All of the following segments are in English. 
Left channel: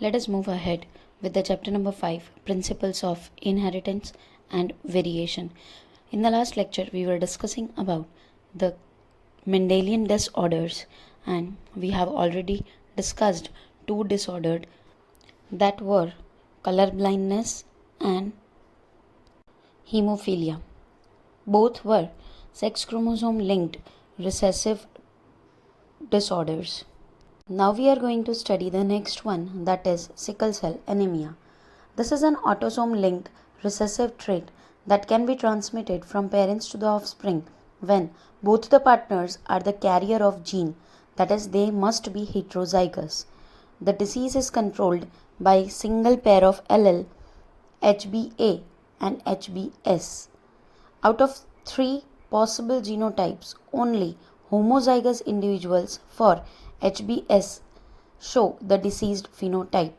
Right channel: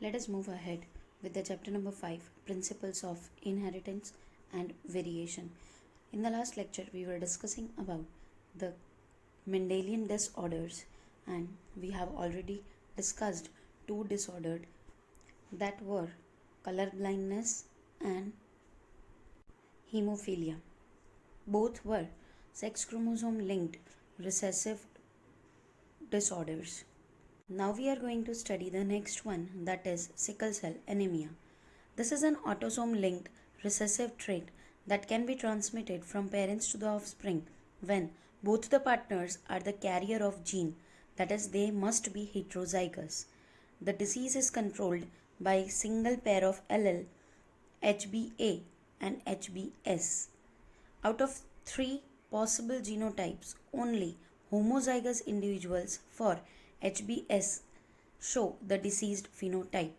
Let us move ahead with the chapter number 5, Principles of Inheritance and Variation. In the last lecture, we were discussing about the Mendelian disorders, and we have already discussed two disorders that were color blindness and hemophilia. Both were sex chromosome linked recessive disorders. Now we are going to study the next one, that is sickle cell anemia. This is an autosome linked recessive trait that can be transmitted from parents to the offspring when both the partners are the carrier of gene, that is they must be heterozygous. The disease is controlled by single pair of allele HBA and HBS. Out of 3 possible genotypes, only homozygous individuals for HBS show the diseased phenotype.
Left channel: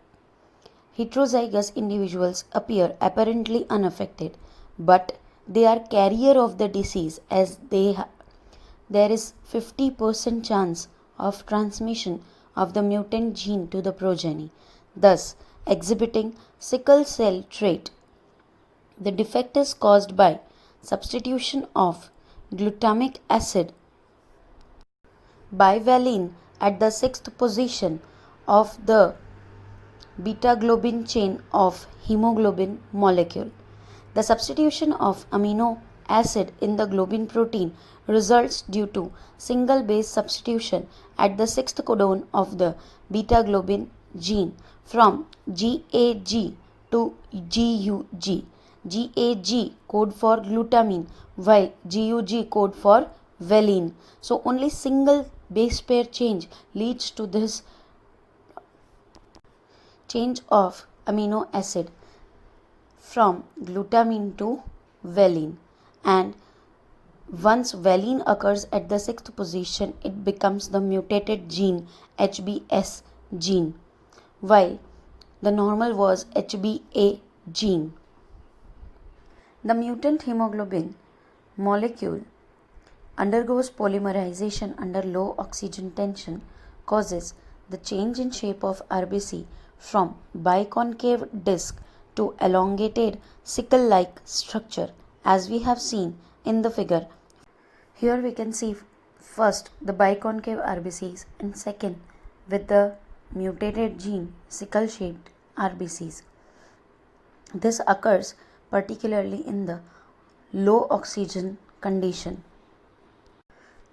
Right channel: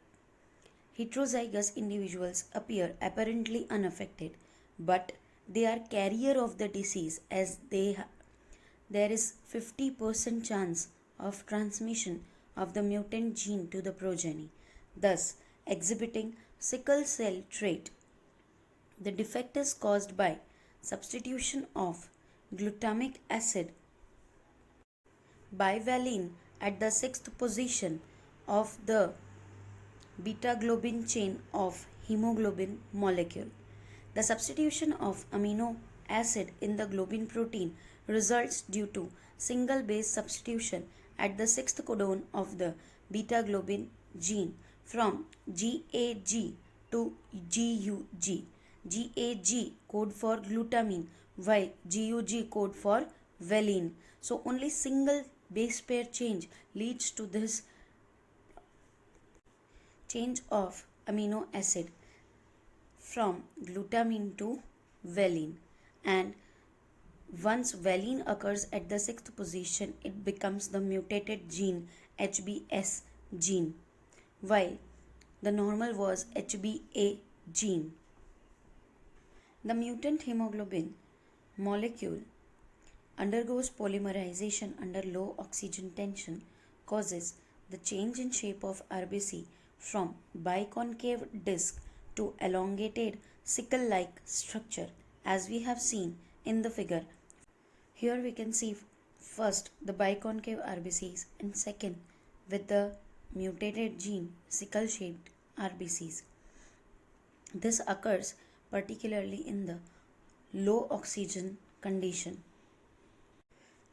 Heterozygous individuals appear apparently unaffected, but they are carrier of the disease as there is 50% chance of transmission of the mutant gene to the progeny, thus exhibiting sickle cell trait. The defect is caused by substitution of glutamic acid bivalene at the sixth position of the beta globin chain of hemoglobin molecule. The substitution of amino acid in the globin protein results due to single base substitution at the sixth codon of the beta globin gene from GAG to GUG. GAG code for glutamine while GUG code for valine. So only single base pair change leads to this change of amino acid from glutamine to valine, and once valine occurs at the sixth position it becomes the mutated gene HBS gene while the normal was HBA gene. The mutant hemoglobin molecule undergoes polymerization under low oxygen tension, causes the change in shape of RBC from biconcave disc to elongated sickle-like structure as we have seen in the figure. Here we can see first the biconcave RBCs and second with the mutated gene sickle-shaped RBCs. This occurs particularly in the low oxygen condition.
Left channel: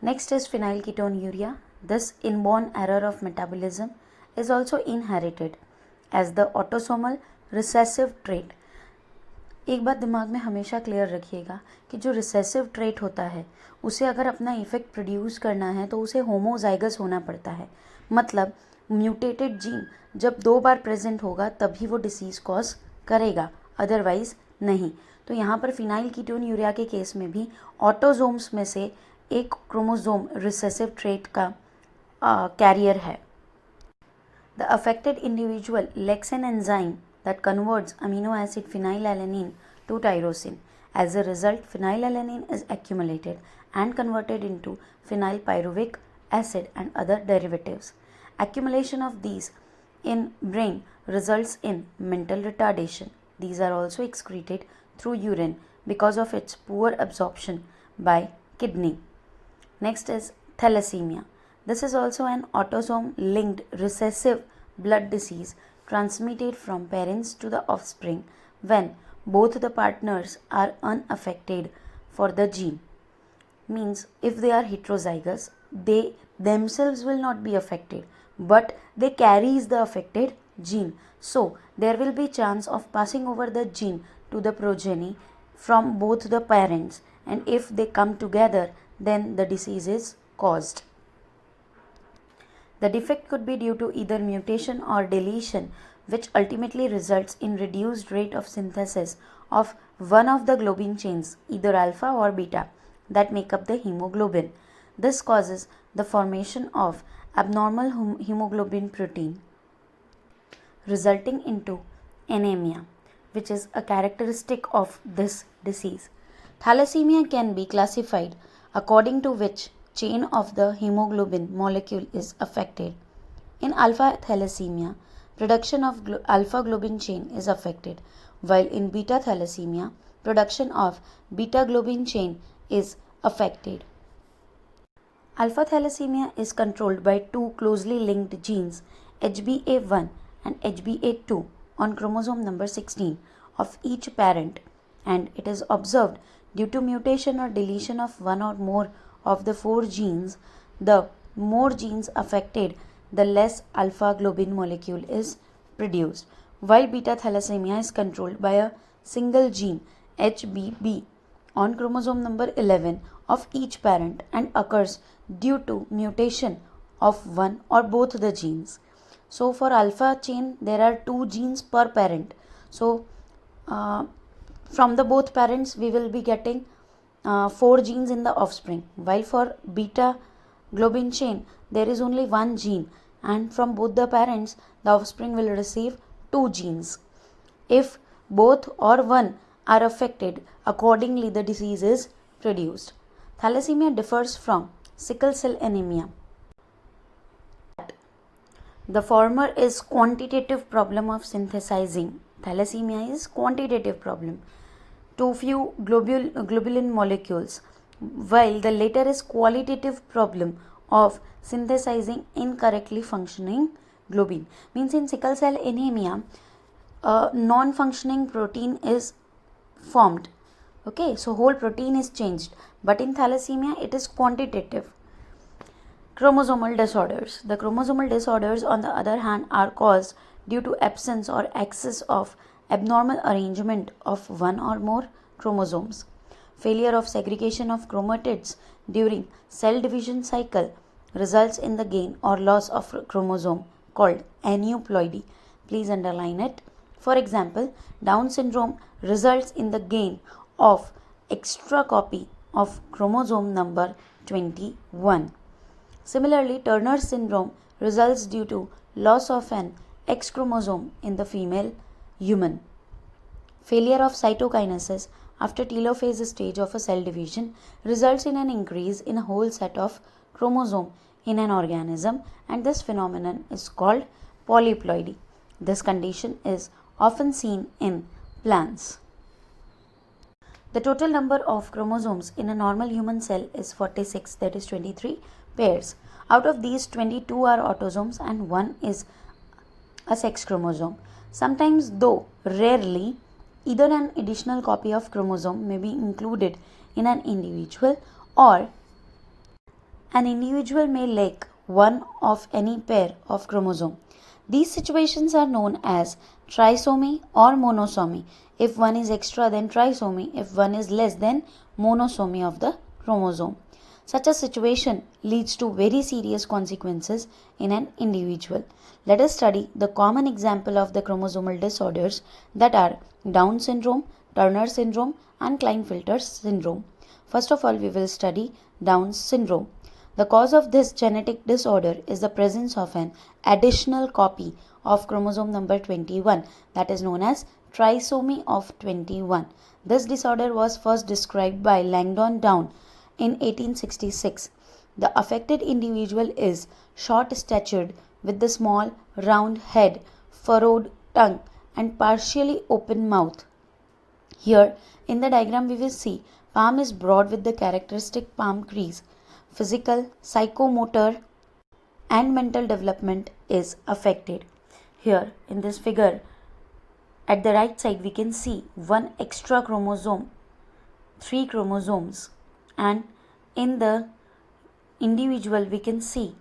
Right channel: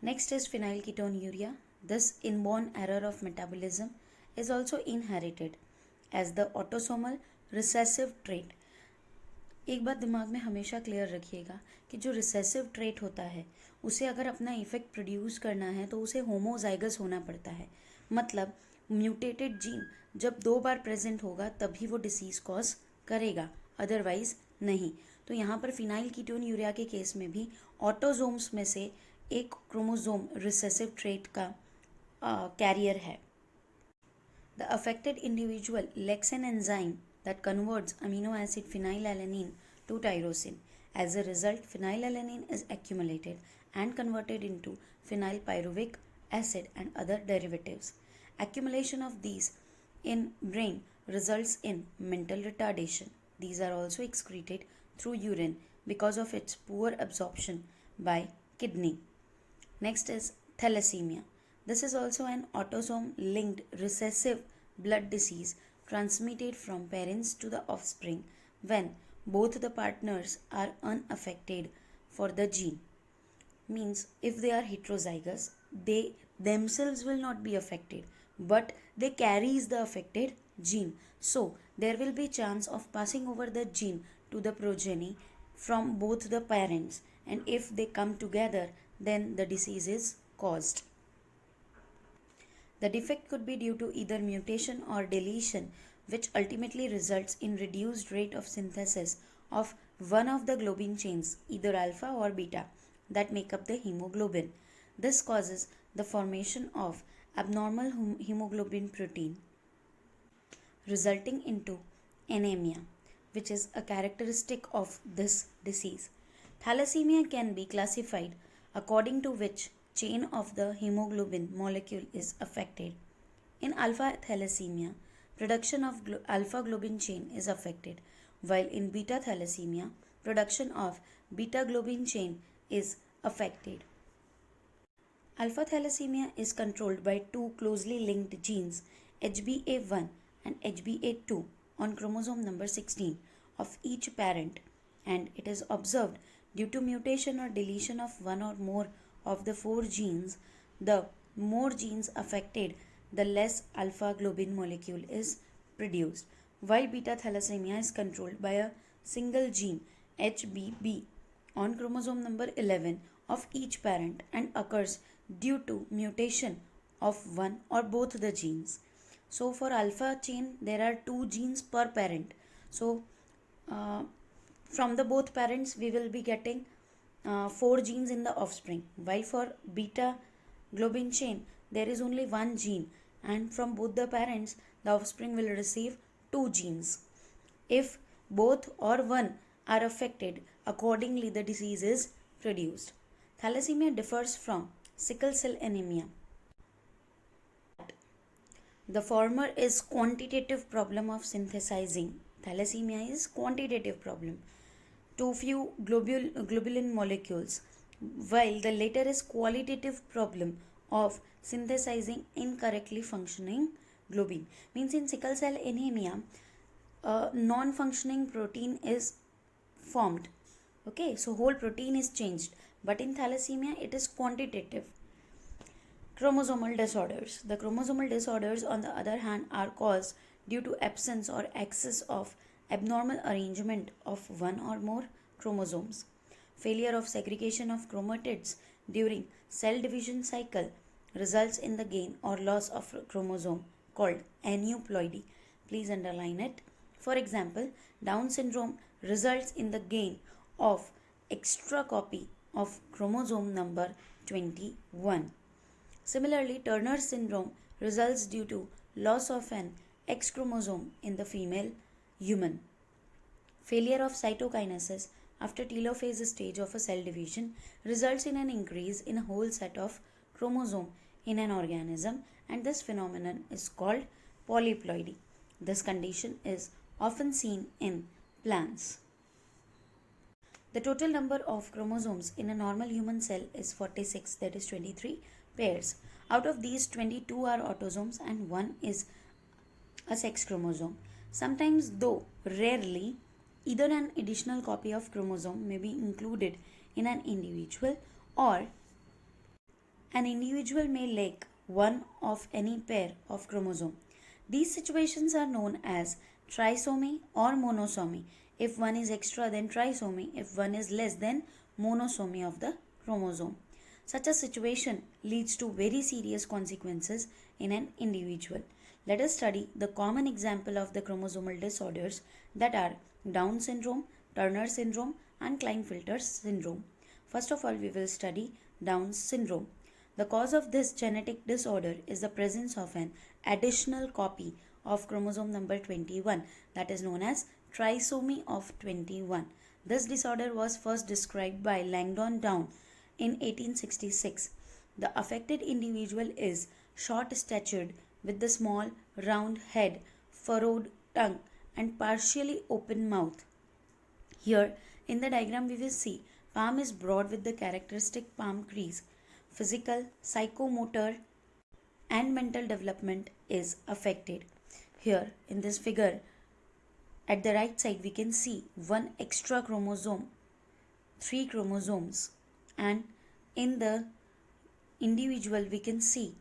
Next is phenylketonuria. This inborn error of metabolism is also inherited as the autosomal recessive trait. एक बात दिमाग में हमेशा clear रखिएगा कि जो recessive trait होता है उसे अगर अपना इफेक्ट प्रोड्यूस करना है तो उसे होमोजाइगस होना पड़ता है, मतलब म्यूटेटेड जीन जब 2 बार प्रेजेंट होगा तभी वो डिसीज़ कॉज करेगा, अदरवाइज नहीं. तो यहाँ पर फिनाइलकीटोन्यूरिया के केस में भी ऑटोजोम्स में से एक क्रोमोजोम रिसेसिव ट्रेट का कैरियर है. The affected individual lacks an enzyme that converts amino acid phenylalanine to tyrosine. As a result, phenylalanine is accumulated and converted into phenylpyruvic acid and other derivatives. Accumulation of these in brain results in mental retardation. These are also excreted through urine because of its poor absorption by kidney. Next is thalassemia. This is also an autosome linked recessive blood disease transmitted from parents to the offspring when both the partners are unaffected for the gene. Means if they are heterozygous, they themselves will not be affected, but they carries the affected gene. So there will be chance of passing over the gene to the progeny from both the parents, and if they come together then the disease is caused. The defect could be due to either mutation or deletion, which ultimately results in reduced rate of synthesis of one of the globin chains, either alpha or beta, that make up the hemoglobin. This causes the formation of abnormal hemoglobin protein, resulting into anemia, which is a characteristic of this disease. Thalassemia can be classified according to which chain of the hemoglobin molecule is affected. In alpha thalassemia, production of alpha globin chain is affected, while in beta thalassemia, production of beta globin chain is affected. Alpha thalassemia is controlled by two closely linked genes, HBA1 and HBA2, on chromosome number 16 of each parent, and it is observed due to mutation or deletion of one or more of the four genes. The more genes affected, the less alpha globin molecule is produced, while beta thalassemia is controlled by a single gene, HBB, on chromosome number 11 of each parent and occurs due to mutation of one or both the genes. So for alpha chain there are two genes per parent. So from the both parents we will be getting four genes in the offspring, while for beta globin chain there is only one gene, and from both the parents the offspring will receive two genes. If both or one are affected, accordingly the disease is produced. Thalassemia differs from sickle cell anemia. The former is quantitative problem of synthesizing. Thalassemia is quantitative problem. Too few globulin molecules, while the latter is qualitative problem of synthesizing incorrectly functioning globin. Means in sickle cell anemia, a non-functioning protein is formed. Okay, so whole protein is changed, but in thalassemia it is quantitative. Chromosomal disorders. The chromosomal disorders, on the other hand, are caused due to absence or excess of abnormal arrangement of one or more chromosomes. Failure of segregation of chromatids during cell division cycle results in the gain or loss of chromosome called aneuploidy. Please underline it. For example, Down syndrome results in the gain of extra copy of chromosome number 21. Similarly, Turner syndrome results due to loss of an X chromosome in the female human. Failure of cytokinesis after telophase stage of a cell division results in an increase in a whole set of chromosome in an organism, and this phenomenon is called polyploidy. This condition is often seen in plants. The total number of chromosomes in a normal human cell is 46, that is 23 pairs. Out of these, 22 are autosomes and 1 is a sex chromosome. Sometimes, though rarely, either an additional copy of chromosome may be included in an individual, or an individual may lack one of any pair of chromosome. These situations are known as trisomy or monosomy. If one is extra, then trisomy. If one is less, then monosomy of the chromosome. Such a situation leads to very serious consequences in an individual. Let us study the common example of the chromosomal disorders, that are Down syndrome, Turner syndrome and Klinefelter syndrome. First of all, we will study Down syndrome. The cause of this genetic disorder is the presence of an additional copy of chromosome number 21, that is known as trisomy of 21. This disorder was first described by Langdon Down in 1866. The affected individual is short-statured with the small round head, furrowed tongue and partially open mouth. Here in the diagram we will see palm is broad with the characteristic palm crease. Physical, psychomotor and mental development is affected. Here in this figure at the right side we can see one extra chromosome, 3 chromosomes, and in the individual we can see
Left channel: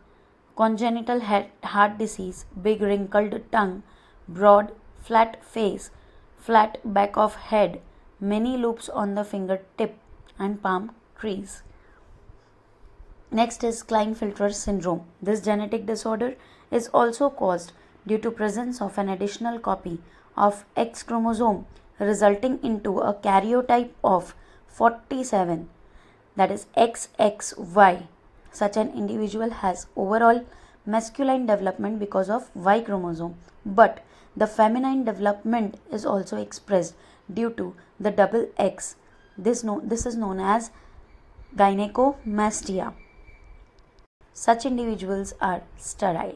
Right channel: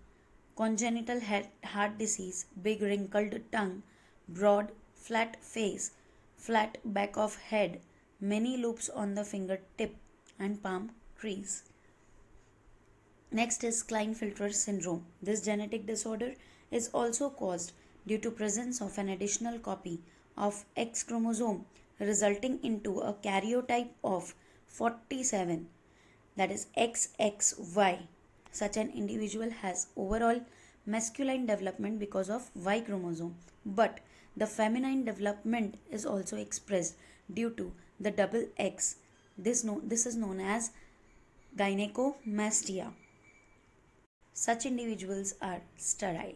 congenital heart disease, big wrinkled tongue, broad flat face, flat back of head, many loops on the fingertip and palm crease. Next is Klinefelter syndrome. This genetic disorder is also caused due to presence of an additional copy of X chromosome, resulting into a karyotype of 47, that is XXY. Such an individual has overall masculine development because of Y chromosome, but the feminine development is also expressed due to the double X. This is known as gynecomastia. Such individuals are sterile.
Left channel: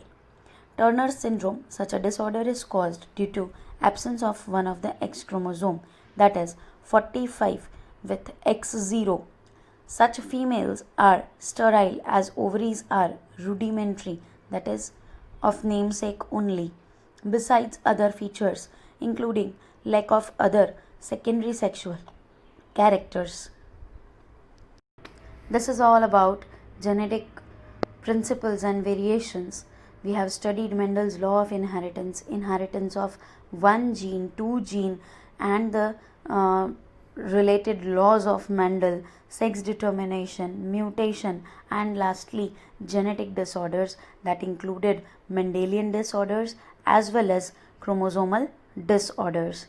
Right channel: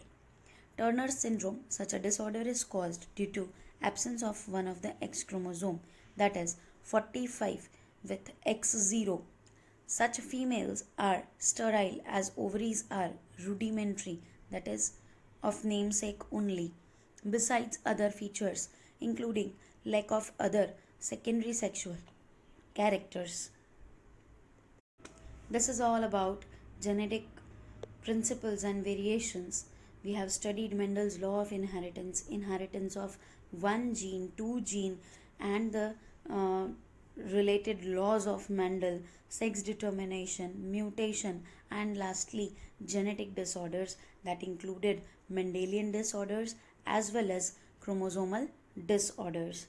Turner syndrome, such a disorder is caused due to absence of one of the X chromosome, that is 45 with X0. Such females are sterile as ovaries are rudimentary, that is of namesake only, besides other features including lack of other secondary sexual characters. This is all about genetic principles and variations. We have studied Mendel's law of inheritance, inheritance of one gene, two gene, and the related laws of Mendel, sex determination, mutation, and lastly genetic disorders that included Mendelian disorders as well as chromosomal disorders.